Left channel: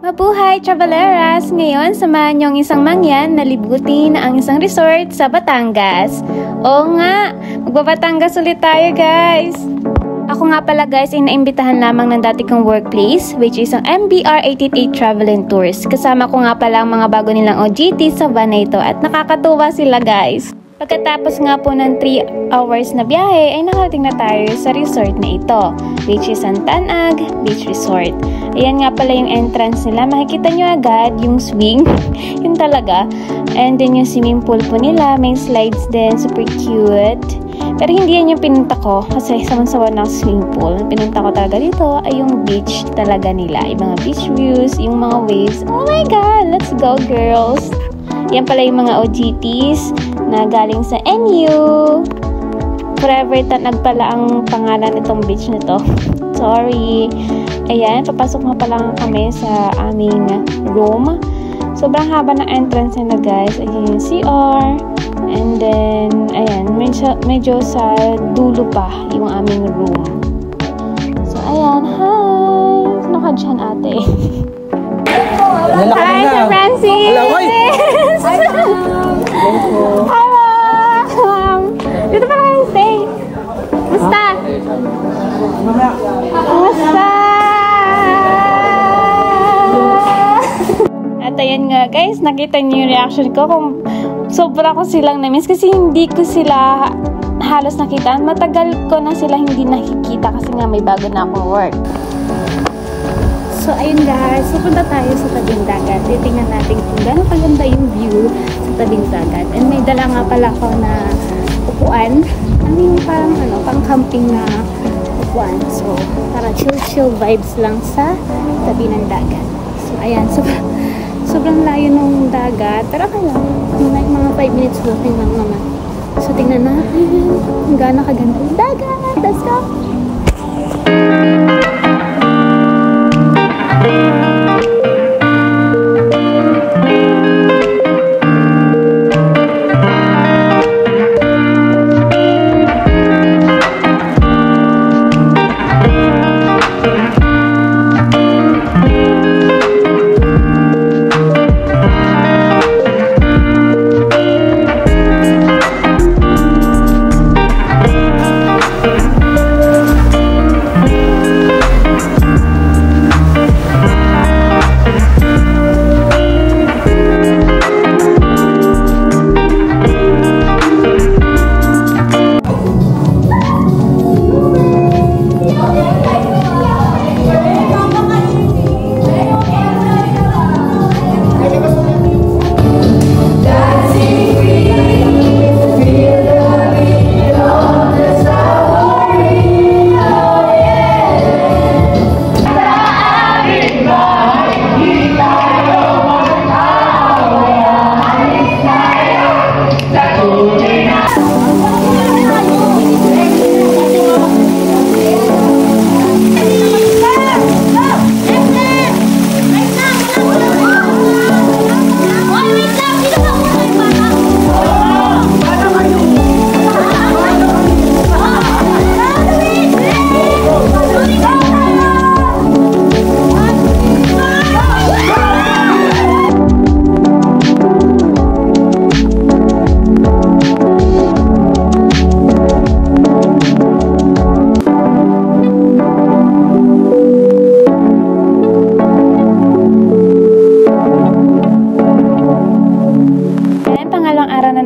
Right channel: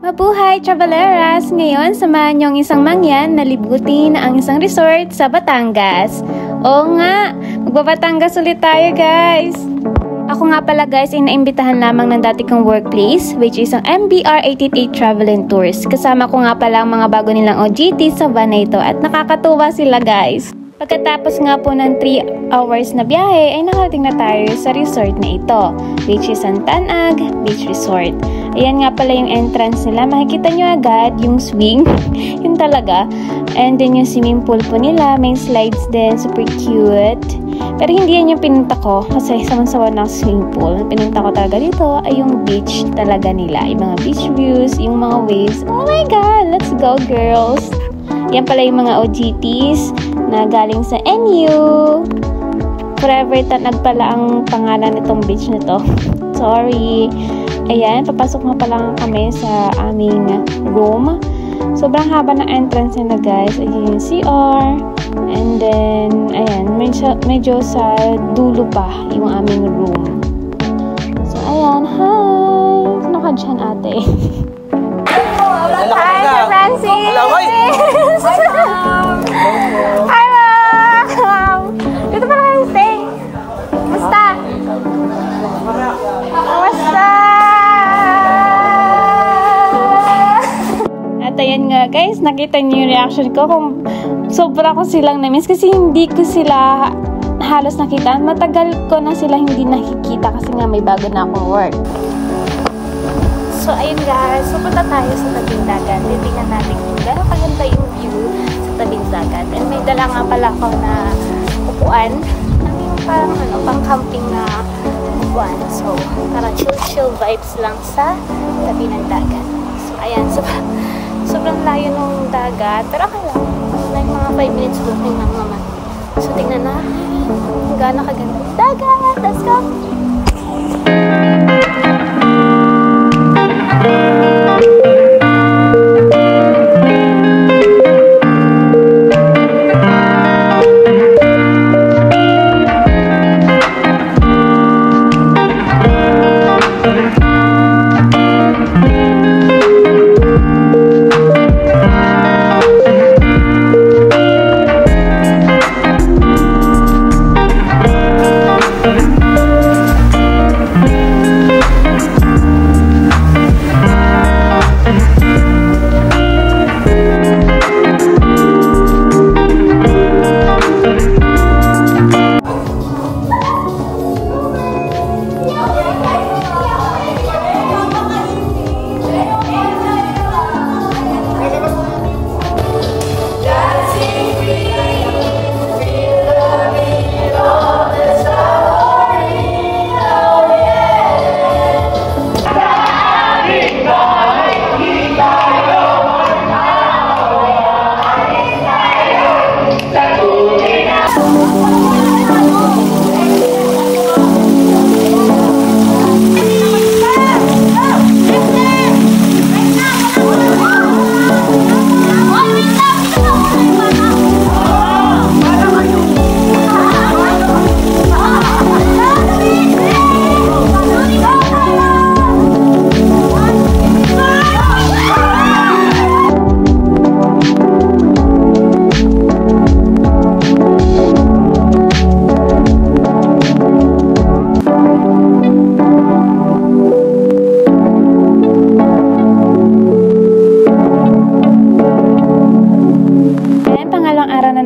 Mabuhay, traveleras! Ngayon, samahan niyo ang isang mangyan na libutin ang isang resort sa Batangas. Oo nga, magbabatangas ulit tayo, guys! Ako nga pala, guys, ay naimbitahan lamang ng dati kong workplace, which is ang MBR 888 Travel and Tours. Kasama ko nga pala ang mga bago nilang OJT sa van na ito at nakakatuwa sila, guys. Pagkatapos nga po ng 3 hours na biyahe ay nakarating na tayo sa resort na ito, which is ang Tanag Beach Resort. Ayan nga pala yung entrance nila. Makikita nyo agad yung swing. Yun talaga. And then yung swimming pool po nila. May slides din. Super cute. Pero hindi yan yung pinunta ko kasi saman-sawa ng swimming pool. Pinunta ko talaga dito ay yung beach talaga nila. Yung mga beach views, yung mga waves. Oh my God! Let's go, girls! Yan pala yung mga OJTs na galing sa NU. Forever Tanag pala ang pangalan nitong beach na to. Sorry. Ayan, papasok na pala kami sa aming room. Sobrang haba ng entrance nila, guys. Ayan yung CR. And then, ayan, medyo sa dulo pa yung aming room. So, ayan. Hi! Sino ka dyan, ate? Hi, Sir Francis! Hello, Moy! Hi, Mom! Dito pa kami stay. Basta? Basta? At ayan nga, guys, nakita niyo yung reaction ko kung sobra ko silang na-miss kasi hindi ko sila halos nakita. Matagal ko na sila hindi nakikita kasi nga may bago na akong work. So, ayun guys. Pupunta tayo sa tabing dagat. Titingnan natin kung gano'ng kaganda yung view sa tabing dagat. And may dala nga pala ko na upuan. I mean, parang pang camping na upuan. So, tara, chill vibes lang sa tabi ng dagat. So, ayan. Sobrang layo ng dagat. Pero okay lang. Like mga 5 minutes walking lang naman. So, tingnan natin kung gano'ng kaganda yung dagat. Let's go!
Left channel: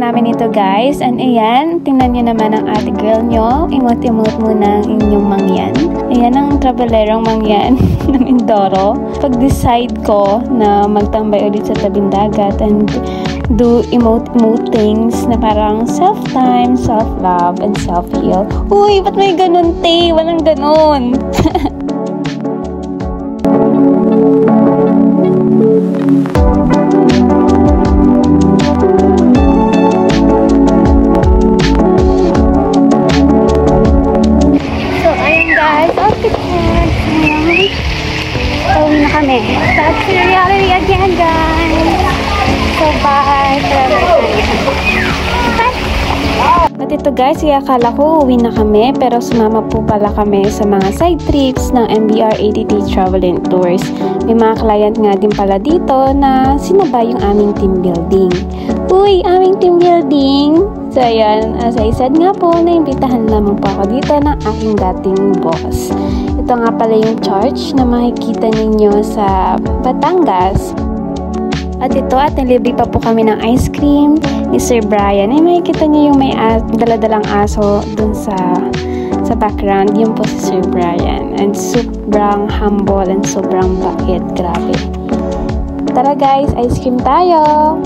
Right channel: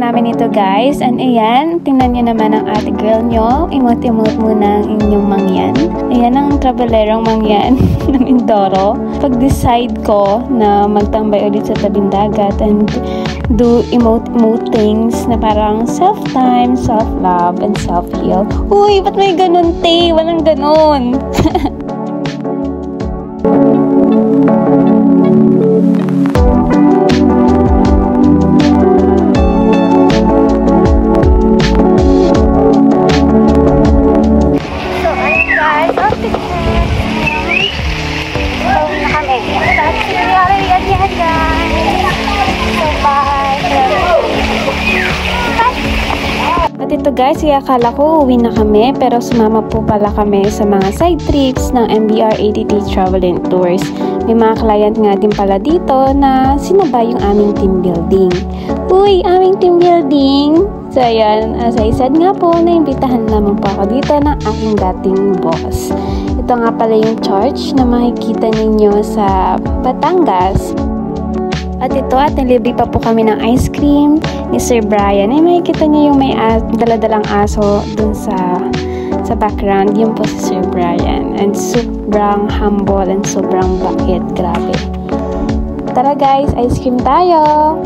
namin ito, guys. And ayan, tingnan nyo naman ang ate girl nyo. Emote-emote muna ang inyong mangyan. Ayan ang travelerong mangyan ng Mindoro. Pag-decide ko na magtambay ulit sa tabing dagat and do emote things na parang self-time, self-love, and self-heal. Uy, ba't may ganun, te? Walang ganun. ito guys, akala ko uwi na kami pero sumama po pala kami sa mga side trips ng MBR ATT Travel and Tours. May mga client nga din pala dito na sinabay yung aming team building. Uy, aming team building! So ayan, as I said nga po, naimbitahan lamang po ako dito ng aking dating boss. Ito nga pala yung church na makikita ninyo sa Batangas. At ito, at nilibre pa po kami ng ice cream ni Sir Brian. Ay, makikita niyo yung may daladalang aso dun sa background. Yun po si Sir Brian. And sobrang humble and sobrang bakit. Grabe. Tara guys, ice cream tayo!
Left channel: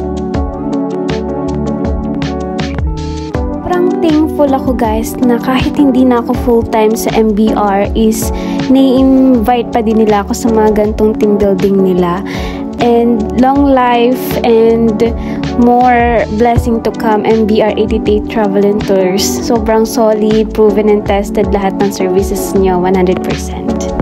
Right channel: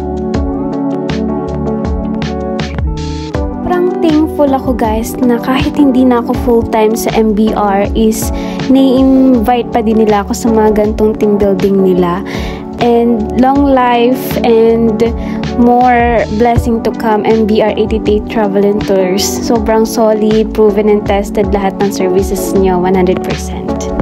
Sobrang thankful ako guys na kahit hindi na ako full-time sa MBR is ni-invite pa din nila ako sa mga gantong team building nila. And long life and more blessing to come, MBR ATT Travel and Tours. Sobrang solid, proven and tested lahat ng services niyo, 100%.